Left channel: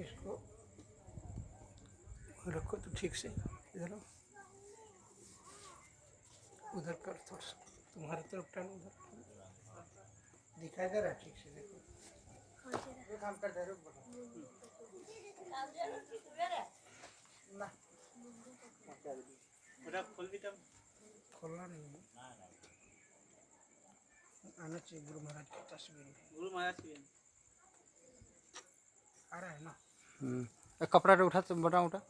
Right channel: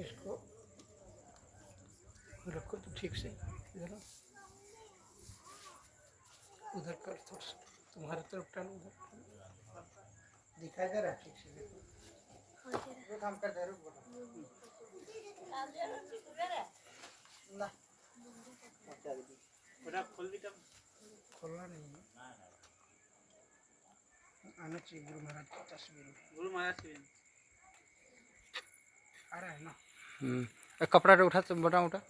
इसको रखो तो ठीक से इधर उधर कर थोड़ा सा तुम्हारे तरफ टान उधर दिखाई दे रहा ठीक से देखो काम कर जरूर बोलो ना खोलना नहीं है आना चाहिए गुरु महाराज की तस्वीर गुरु महाराज की आ रहा है ना कपड़ा उठा तो बटा उठा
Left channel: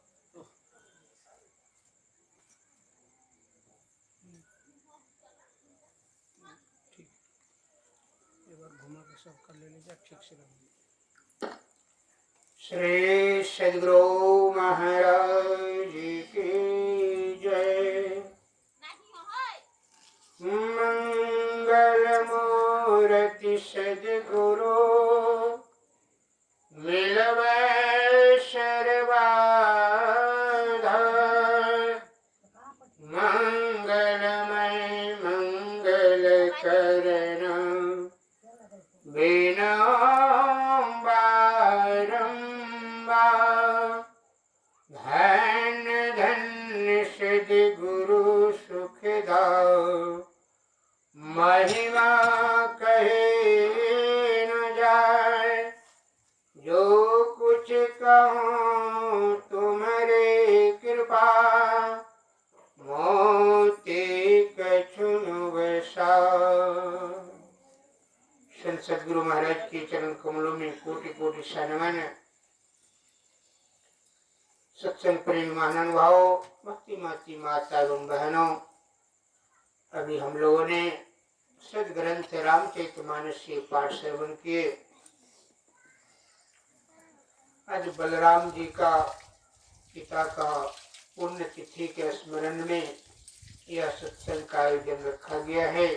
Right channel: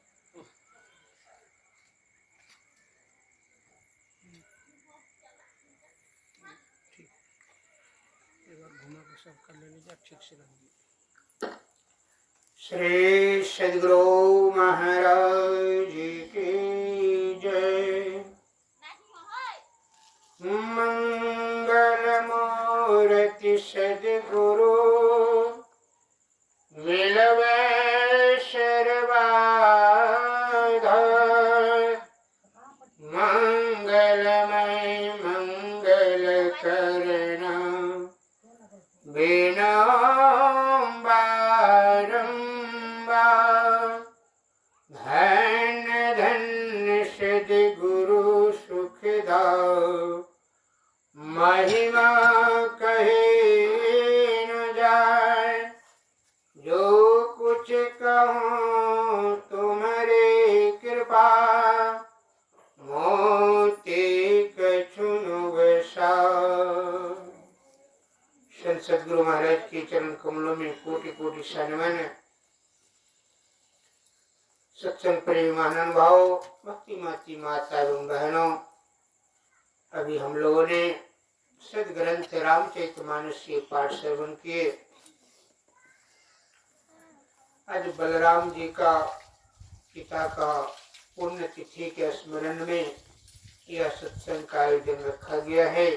ठीक एक बार घुमा के सब कर ले लीजिए ठीक से रख दीजिए श्री सद्गुरु महाराज की जय मंगल मूर्ति सद्गुरु मिलवे सर्वाधार मंगलमय मंगल करण बिना बारंबार धन धन्य सद्गुरु सुखदाओ महिमा कहे न जाए जो कुछ कहूँ तुम्हारे कृपा मोती कछुनु वसा। संत सद्गुरु महाराज के चरण कमलों में कोटि कोटि सन्मान। सत्संग प्रेम महानुभाव भक्ति माती माता एवं बहनों, अभी हम लोगों ने सदग्रंथ रामचरितमानस के पाठ सेवन किए। आज बलराम जी का पिता का पुण्य तिथि के स्मरण में यह सत्संग का आयोजन रखा गया है।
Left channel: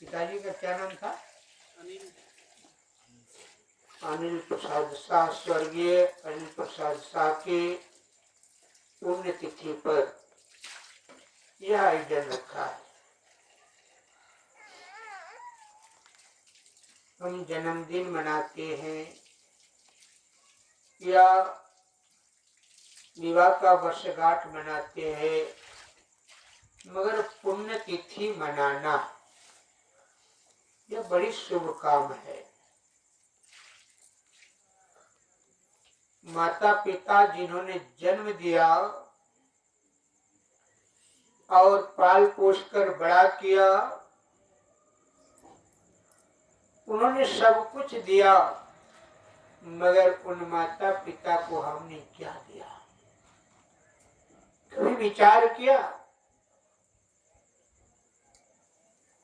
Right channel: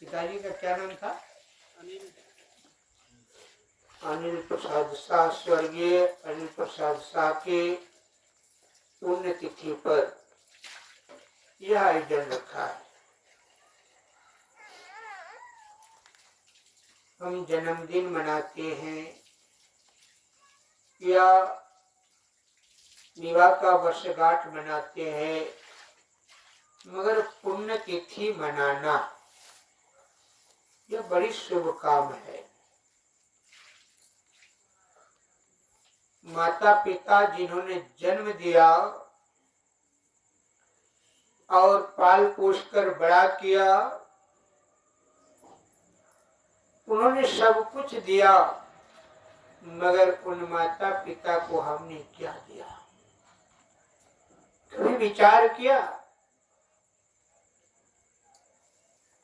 पिताजी का क्या नाम था? अनिल प्रसाद शाह, स्वर्गीय अनिल प्रसाद शाह की पुण्य तिथि पर यह आयोजन रखा है। हम जन्मदिन मनाते हैं या विवाह का वर्षगांठ मनाते हैं, मगर पुण्य तिथि मनाना यह बड़ी शुभ काम है। माता पिता जिन्होंने जन्म दिया और पाल पोष कर बड़ा किया, उन्होंने सब कुछ दिया, मगर उन माता पिता को हमने क्या दिया? कभी विचार किया?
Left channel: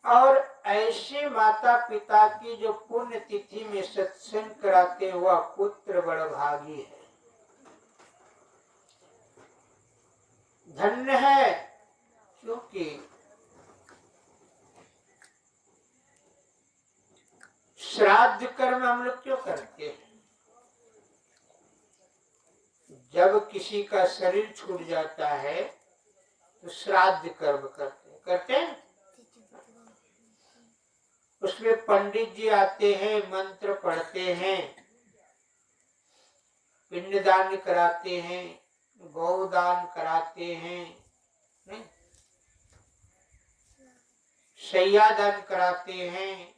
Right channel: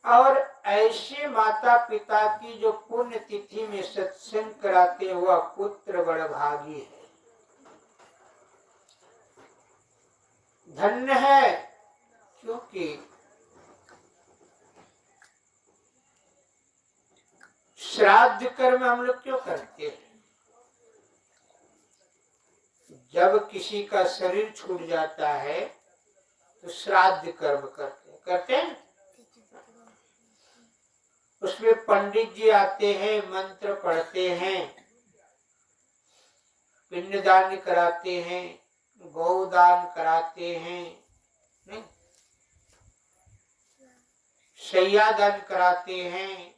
और ऐसे माता पिता की जो पुण्य तिथि में सत्संग कराते हुआ पुत्र बड़ भागी है, धन्य है। क्योंकि श्राद्ध कर्म हम लोग क्यों करते हैं? जब किसी का शरीर छूट जाता है तो श्राद्ध कर्म करते हैं। उसमें पंडित जी आते हैं, मंत्र पढ़ते हैं, पिंडदान कराते हैं, गौदान कराते हैं, नहीं, शय्यादान कराते हैं।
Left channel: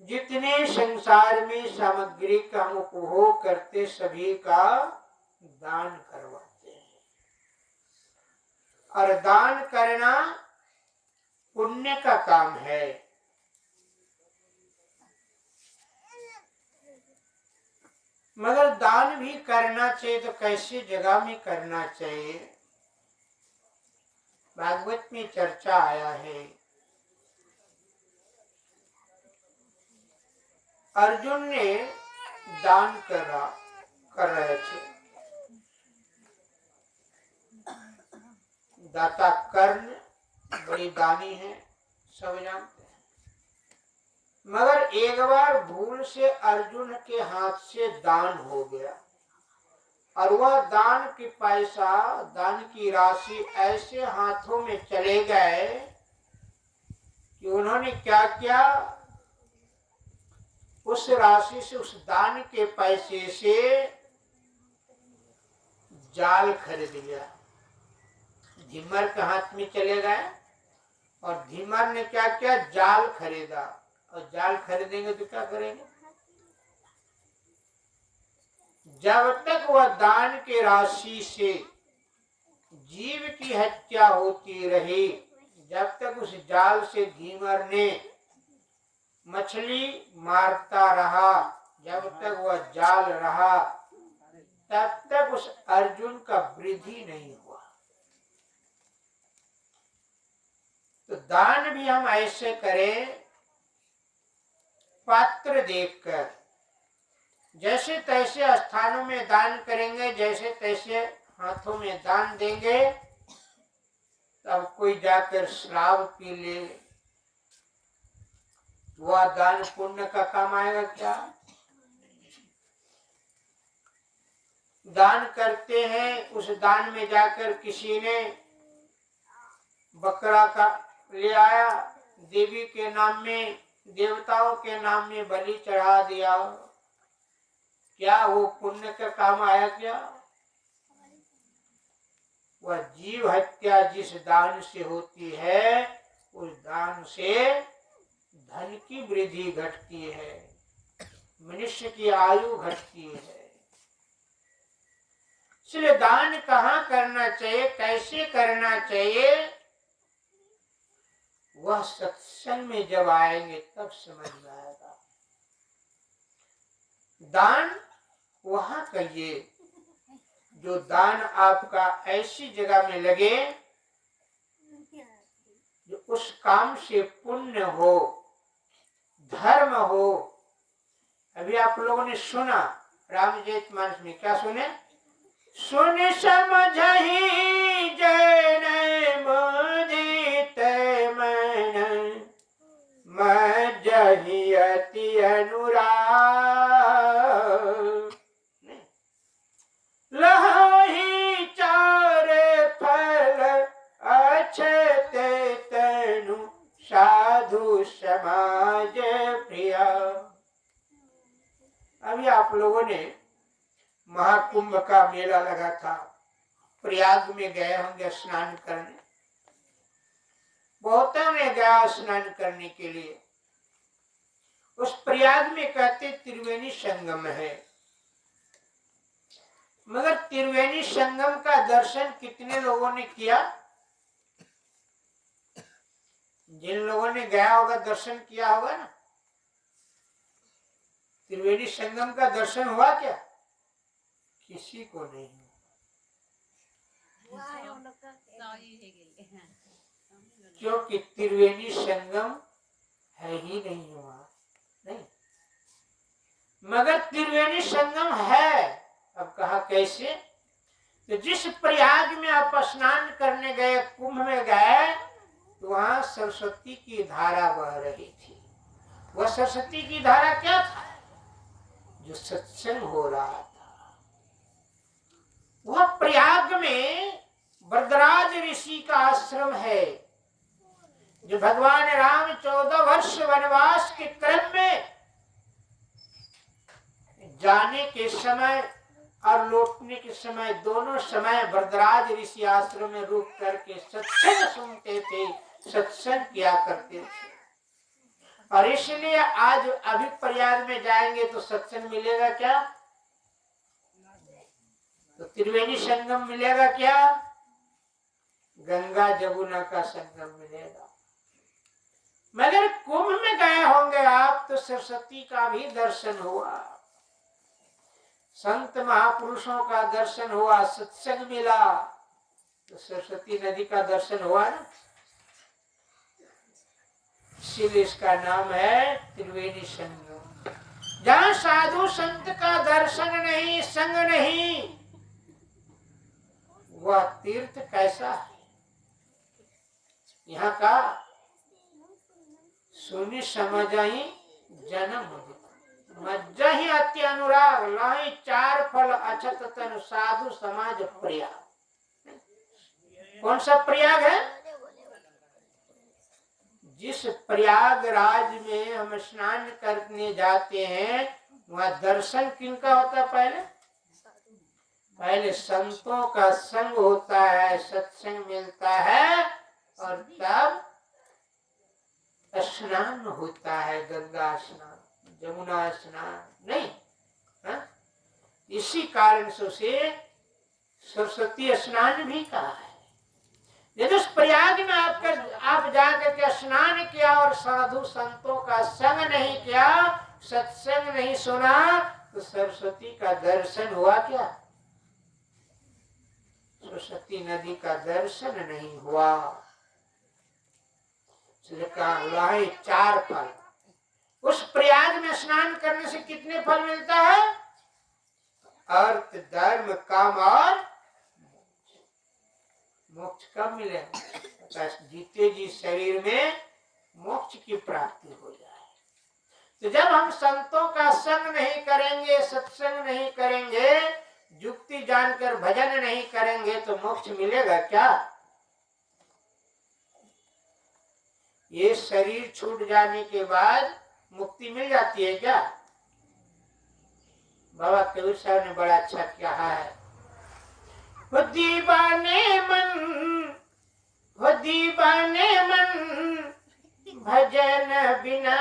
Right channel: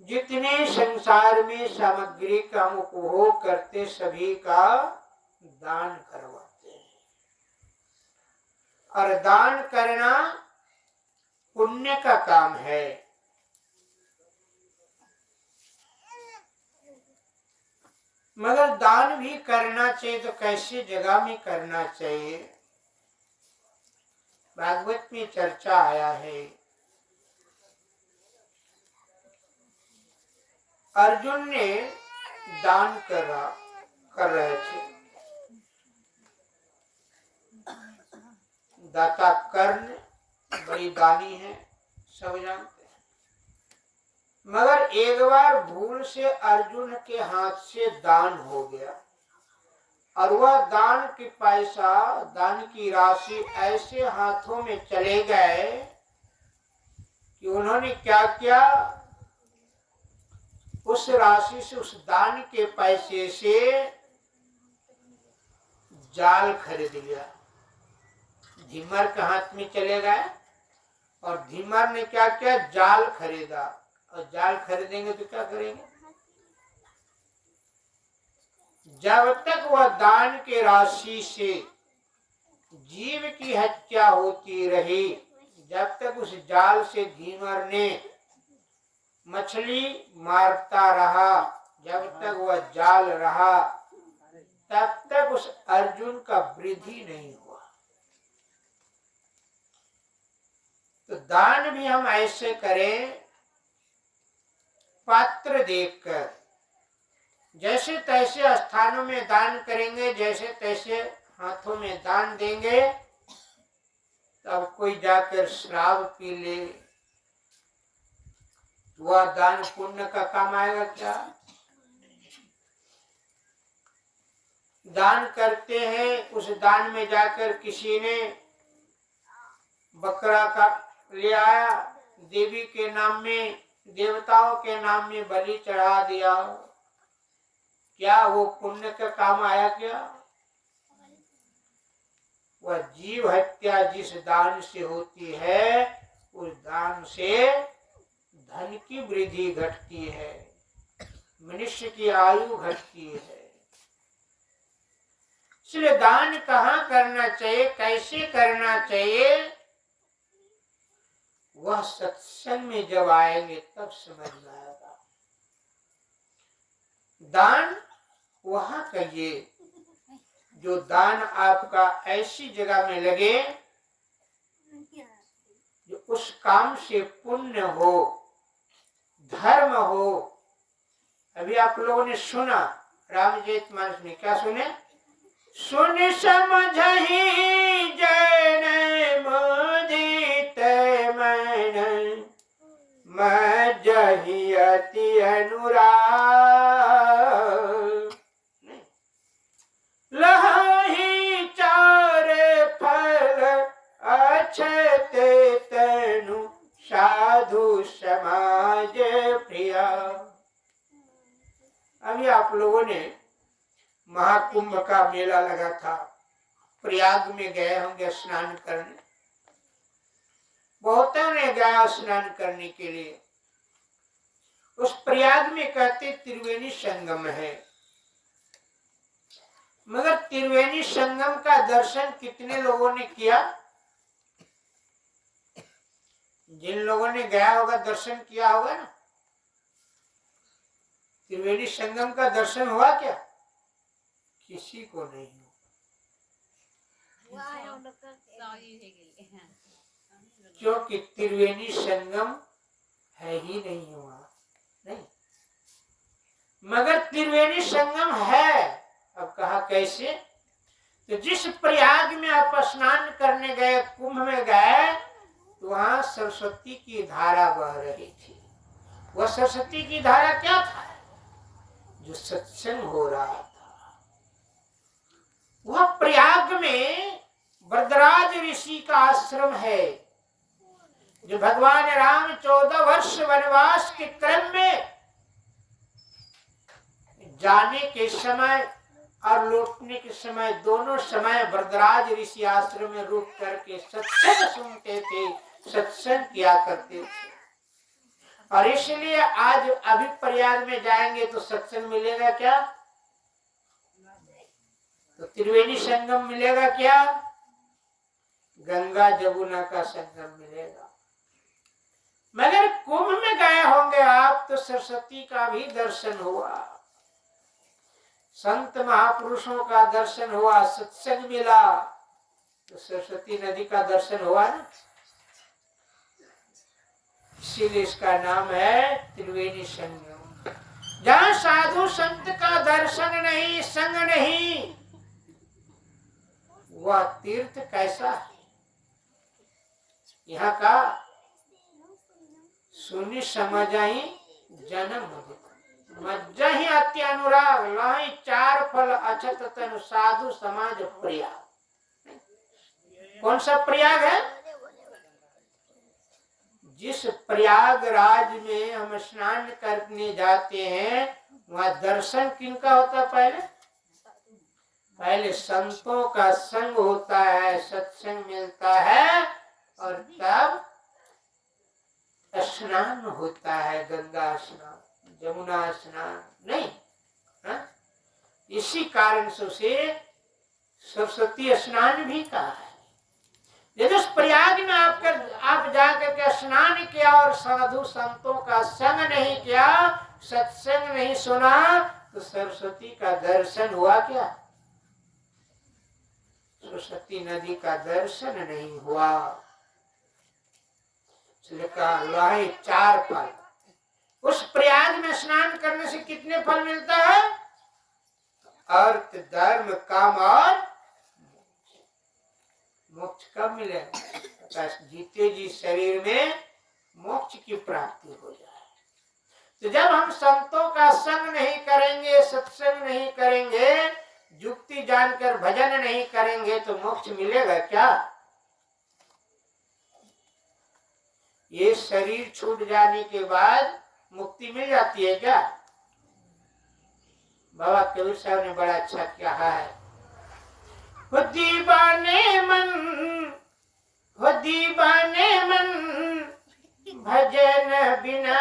जितने संसार में सामग्री का हम उपभोग करते सभी का दान करवाते हैं। और दान करना पुण्य का काम है। मगर दान भी करना चाहिए तो कैसे जगह में करना चाहिए? भागवत में चर्चा आया है। अर्जुन ने दान कर रहे थे। दाता कर्ण बड़ी दानी है, सब जानते हैं। मगर एक बार भूल से अर्जुन के हाथ से दान हो गया और वह दान की पैसा, दान की राशि ऐसे हाथों में चले गए कि उन्होंने क्या किया? उस राशि से, उस दान के पैसे से जाल खरीद लिया। धीमर के हाथ में चले गए और धीमर ने क्या किया, जाल खरीदा। और जाल खरीदेंगे तो क्या करेंगे, जब तक वह दान के राशि से जीव की हत्या होती रही, जब तक उस जाल से धीमर ने मछली मारता रहा, जब तक वह जाल रहा, तब तक उस अर्जुन का वृद्धि नहीं हुआ। तो दान भी हम ऐसे करें, पात्र देखकर। जैसे तैसे स्थानों में दान करेंगे, जैसे तैसे हाथों में दान देंगे, तब कोई जाकर शराब पी ले, वह दान पुण्य का काम आएगा क्या? दान करते हैं, उस दान में जाकर किसी ने बकरा का ले आया, देवी के नाम में, देवताओं के नाम में बलि चढ़ा दिया, क्या वो पुण्य का काम आया क्या? वह जीव हत्या जिस दान से होती है, उस दान से धन की वृद्धि घटती है, मनुष्य की आयु घटती है। इसलिए दान कहाँ करना चाहिए, कैसे करना चाहिए, वह सत्संग में जब आएंगे तब समझ में आएगा। दान वहां कहिए जो दान आपका ऐसी जगह में लगे जो उस काम से पुण्य हो, धर्म हो। अभी आप लोगों ने सुना रामचरितमानस में, क्या सुने, सुन समझहि जैन मोदित मन, मज्जहि अति अनुराग, लहि चार फल अक्षत तनु, साधु समाज प्रिया। अभी आप लोगों ने महाकुंभ का मेला लगा था, प्रयाग में गए होंगे स्नान करने, बहुतों ने गया स्नान करने के लिए। उस प्रयाग में कहते त्रिवेणी संगम है, मगर त्रिवेणी संगम का दर्शन कितने लोगों ने किया? जिन लोगों ने गया होगा दर्शन किया होगा ना। त्रिवेणी संगम का दर्शन हुआ क्या? किसी को नहीं हुआ, क्योंकि त्रिवेणी संगम है ही नहीं हुआ, नहीं। मगर त्रिवेणी संगम है। अब कहा कैसे? तो जिस प्रयाग में आप स्नान करने गए, कुंभ में गए, तो वहां सरस्वती की धारा बह रही थी। वह सरस्वती की धारा क्या था? जो सत्संग हो रहा था। वह प्रयाग में वरदराज ऋषि का आश्रम है, जो भगवान राम 14 वर्ष वनवास के क्रम में जाने के समय और लौटने के समय, दोनों समय वरदराज ऋषि आश्रम में रुक करके सत्संग सुनते थे, सत्संग किया करते थे। और इसलिए आज अभी प्रयाग में जाएंगे तो सत्संग मिलेगा क्या? तो त्रिवेणी संगम मिलेगा क्या? गंगा जमुना का संगम मिलेगा। मगर कुंभ में गए होंगे आप तो सरस्वती का भी दर्शन हुआ, संत महापुरुषों का दर्शन हुआ, सत्संग मिला, तो सरस्वती नदी का दर्शन हुआ ना। इसीलिए इसका नाम है त्रिवेणी संगम। जहाँ साधु संत का दर्शन नहीं, संग नहीं, वह तीर्थ कैसा है? यहाँ का सुनी समझहि जन्म मुदित, मज्जहि अति अनुराग, लहि चार फल अछत तनु, साधु समाज प्रिया। कौन सा प्रयाग है? जिस प्रयागराज में हम स्नान करने जाते हैं वहां दर्शन किनका होता है? पहले संतों का संग होता है, सत्संग मिलता है और तब स्नान होता है, गंगा स्नान, जमुना स्नान नहीं है? इसी कारण से उसे सरस्वती स्नान भी कहा है। यदि उस प्रयाग में आप जाकर के स्नान किया और साधु संतों का संग नहीं किया, सत्संग नहीं सुना, तो सरस्वती का दर्शन हुआ क्या? सरस्वती नदी का दर्शन नहीं हुआ। इसलिए कहा है 4 फल। उस प्रयाग में स्नान करने से कितने फल मिलता है? अर्थ, धर्म, काम और मोक्ष। कब मिलेगा? जीते जी शरीर में मोक्ष की प्राप्ति हो जाए। तो जब हम संतों का संग नहीं करेंगे, सत्संग नहीं करेंगे, युक्ति जानकर भजन नहीं करेंगे, तो मोक्ष मिलेगा क्या? ये शरीर छूट जाने के बाद मुक्ति मिल जाती है क्या? बाबा कबीर साहब ने बड़ा अच्छा कहा है, हो दीवाने मन भजन बिना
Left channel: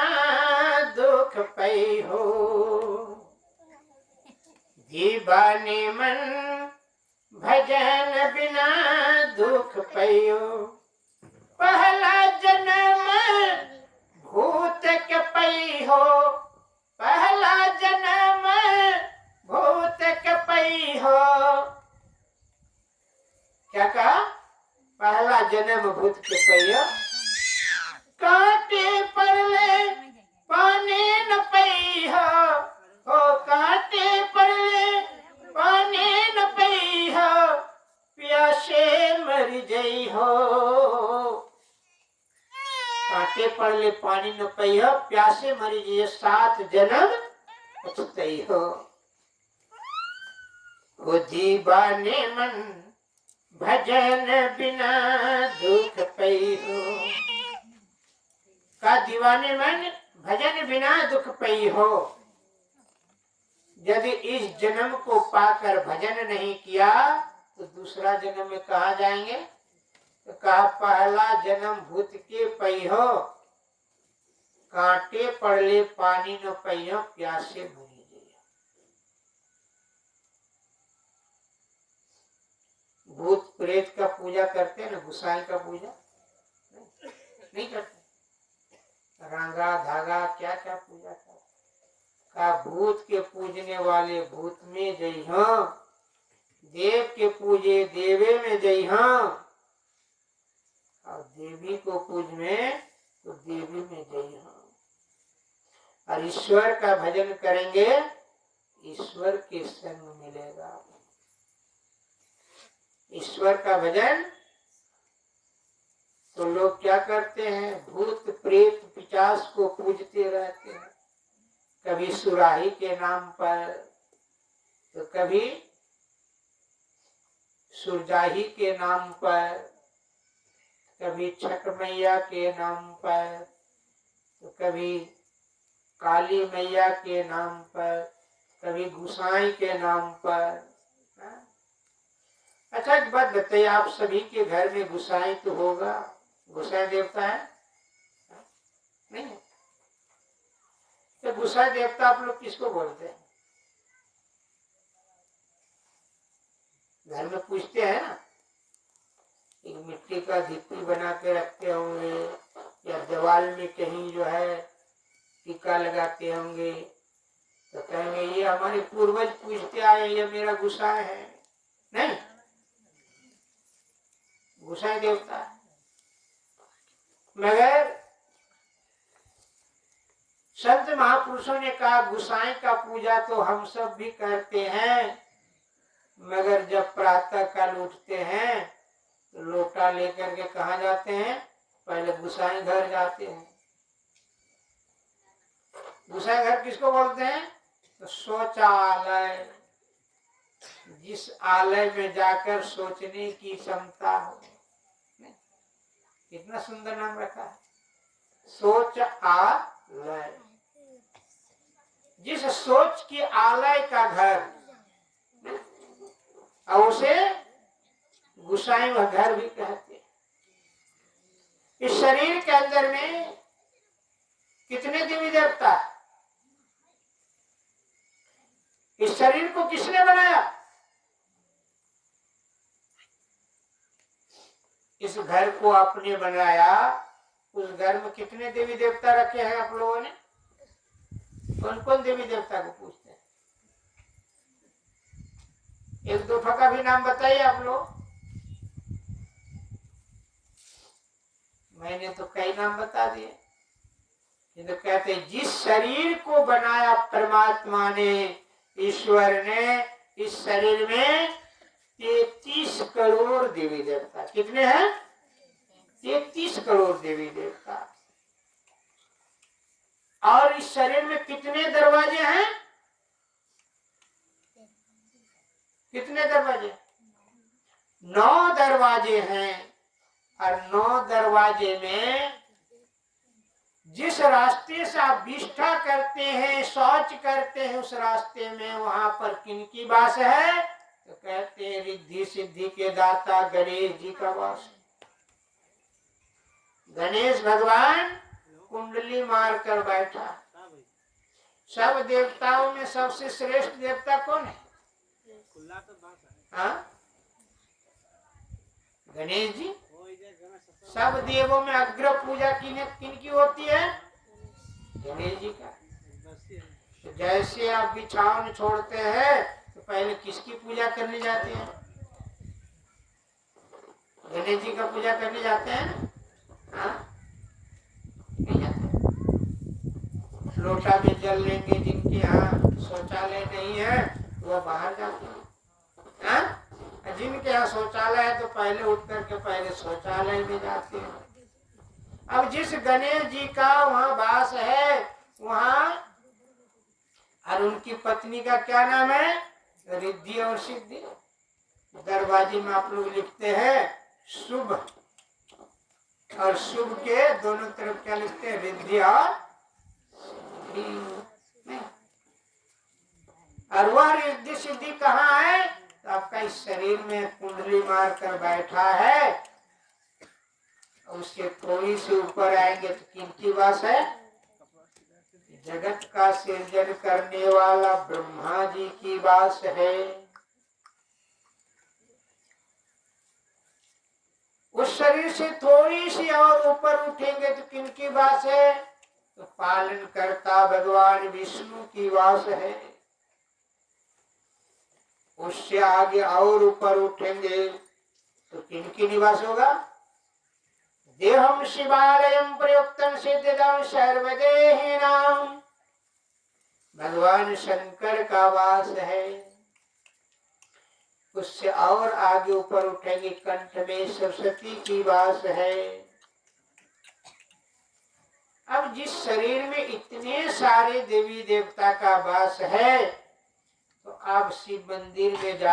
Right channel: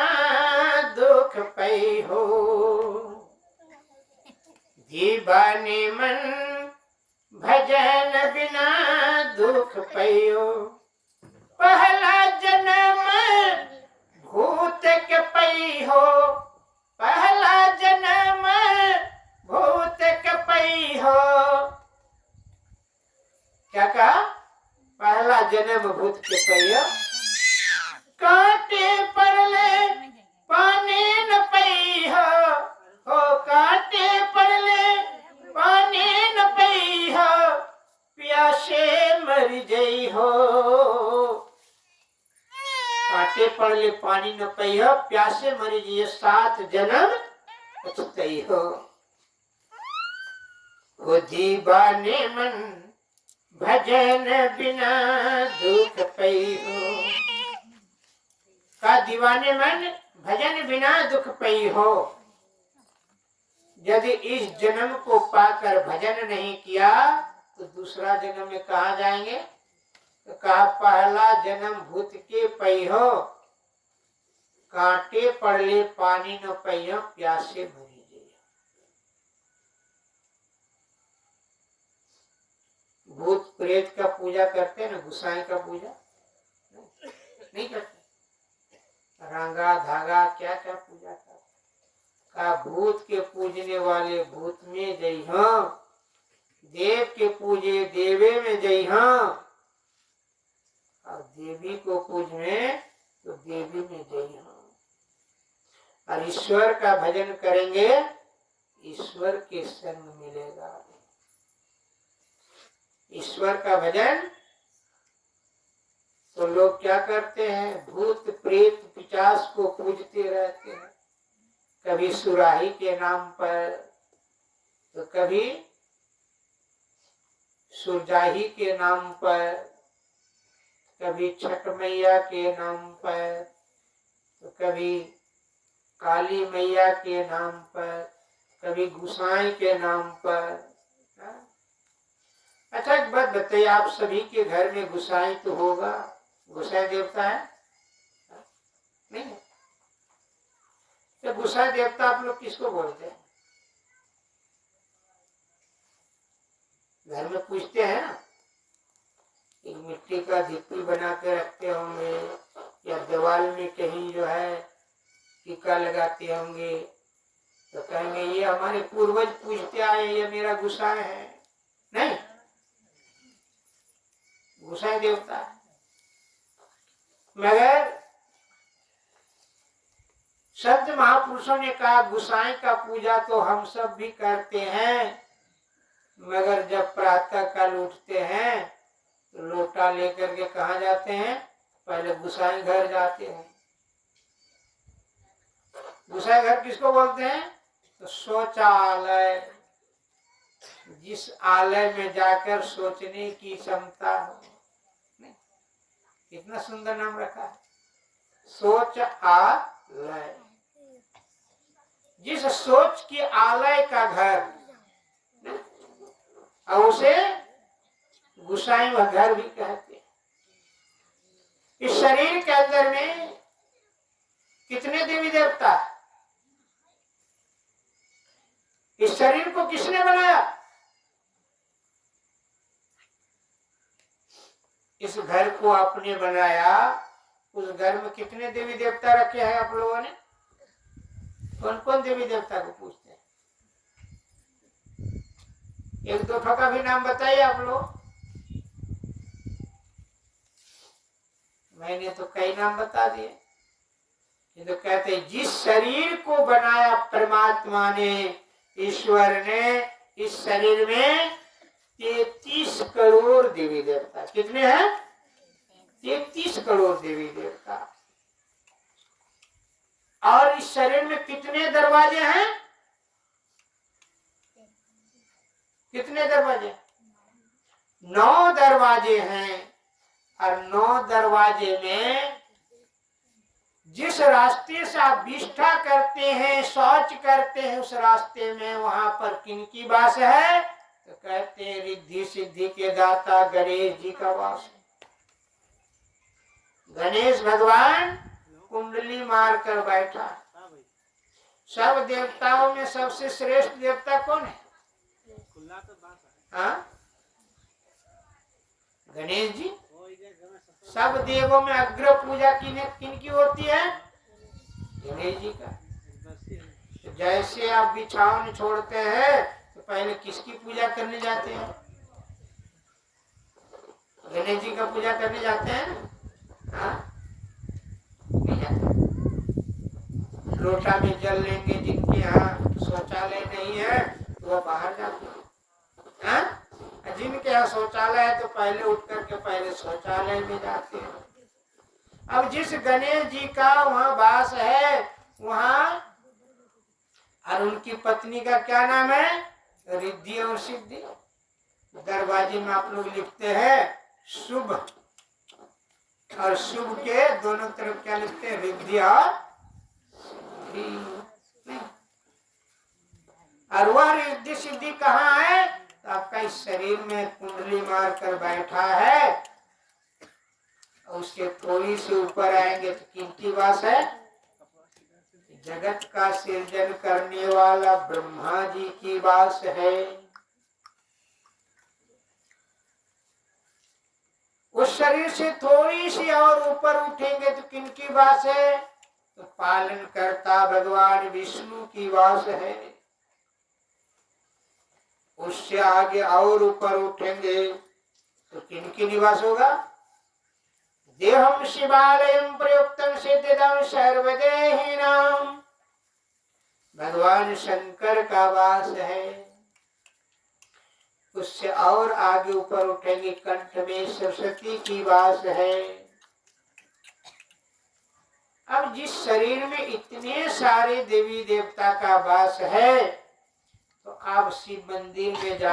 दुख पई हो। दीवाने मन भजन बिना दुख पई हो। पहला जन्म भूत के पई हो। पहला जन्म भूत के पई हो। क्या कहा? पहला जन्म भूत के पई हो। कांटे पड़ले पानी न पई हो। कांटे पड़ले पानी न पई हो। प्यासे मर गई हो। कांटे पड़ले पानी न पई हो, प्यासे मर गई, 7 जन्म पछतई हो। वो दीवाने मन भजन बिना दुख पई हो। का दीवाने मन भजन बिना दुख पई हो। यदि इस जन्म को पाकर भजन नहीं किया तो दूसरा जन्म में कहाँ जाएंगे? तो कहा पहला जन्म भूत के पई हो। कांटे पड़ले पानी न पई हो, प्यासे मरी गई। भूत प्रेत का पूजा करते हैं ना, गुसाई का पूजा नहीं करते। रंगा धागा क्या क्या पूजा करते। का भूत के पूजने वाले भूत में जई हो। देव के पूजे देवे में जई हो। और देवी को पूजने तो देवी में जई हो। और ईश्वर का भजन करेंगे, ईश्वर के संग मिलेगा। ईश्वर का भजन तो लोग क्या करते हैं? भूत प्रेत पिशाच को पूजते रहते हैं। कभी सुराही के नाम पर, तो कभी सुरजाही के नाम पर, कभी छठ मैया के नाम पर, तो कभी काली मैया के नाम पर, कभी गुसाई के नाम पर। अच्छा एक बात बताइए, आप सभी के घर में गुसाई तो होगा, गुसाई देवता है? नहीं है? तो गुसाई देवता आप लोग किसको बोलते हैं? घर में पूछते हैं ना, एक मिट्टी का धिप्पी बना के रखते होंगे, या दीवार में कहीं जो है टीका लगाते होंगे, तो कहेंगे ये हमारे पूर्वज पूछते आए, ये मेरा गुसाई है। नहीं, गुसाई देवता है। मगर संत महापुरुषों ने कहा गुसाई का पूजा तो हम सब भी करते हैं, मगर जब प्रातः काल उठते हैं तो लोटा लेकर के कहाँ जाते हैं? पहले गुसाई घर जाते हैं। गुसाई घर किसको बोलते हैं? तो शौचालय, जिस आलय में जाकर सोचने की क्षमता हो। कितना सुंदर नाम रखा है। सोच आलय। जिस सोच की आलय का घर, और उसे गुसाई व घर भी कहते हैं। इस शरीर के अंदर में कितने देवी देवता है? इस शरीर को किसने बनाया? इस घर को आपने बनाया, उस घर में कितने देवी देवता रखे हैं आप लोगों ने? कौन कौन देवी देवता को पूछते हैं? एक दो का भी नाम बताइए आप लोग। मैंने तो कई नाम बता दिए। ये तो कहते हैं जिस शरीर को बनाया परमात्मा ने, ईश्वर ने, इस शरीर में 33 करोड़ देवी देवता। कितने हैं? 33 करोड़ देवी देवता। और इस शरीर में कितने दरवाजे हैं? कितने दरवाजे? 9 दरवाजे हैं। और 9 दरवाजे में जिस रास्ते से आप विष्ठा करते हैं, शौच करते हैं, उस रास्ते में वहां पर किनकी वास है? तो कहते हैं रिद्धि सिद्धि के दाता गणेश जी का वास है। गणेश भगवान कुंडली मार कर बैठा। सब देवताओं में सबसे श्रेष्ठ देवता कौन है? हाँ? गणेश जी। सब देवों में अग्र पूजा किनकी होती है? गणेश जी का। तो जैसे आप बिछावन छोड़ते हैं तो पहले किसकी पूजा करने जाते हैं? गणेश जी का पूजा करने जाते हैं। हाँ? नहीं जाते। लोटा में जल लेंगे, जिनके यहाँ शौचालय नहीं है तो वह बाहर जाते हैं। हाँ? जिनके यहाँ शौचालय है तो पहले उठ करके पहले शौचालय में जाते हैं। अब जिस गणेश जी का वहाँ वास है, वहाँ और उनकी पत्नी का क्या नाम है? रिद्धि और सिद्धि। दरवाजे में आप लोग लिखते हैं शुभ, और शुभ के दोनों तरफ क्या लिखते हैं? रिद्धि और सिद्धि। और वह रिद्धि सिद्धि कहाँ है? तो आपका इस शरीर में कुंडली मार कर बैठा है। उससे थोड़ी सी ऊपर आएंगे तो किनकी वास है? जगत का सृजन करने वाला ब्रह्मा जी की वास है। उस शरीर से थोड़ी सी और ऊपर उठेंगे तो किनकी वास है? तो पालन करता भगवान विष्णु की वास है। उससे आगे और ऊपर उठेंगे तो किनकी निवास होगा? देहम शिवालयम प्रयुक्तम सिद्धिदम सर्वदेहिनाम। भगवान शंकर का वास है। उससे और आगे ऊपर उठेंगे, कंठ में सरस्वती की वास है। अब जिस शरीर में इतने सारे देवी देवता का वास है, तो आप शिव मंदिर में जा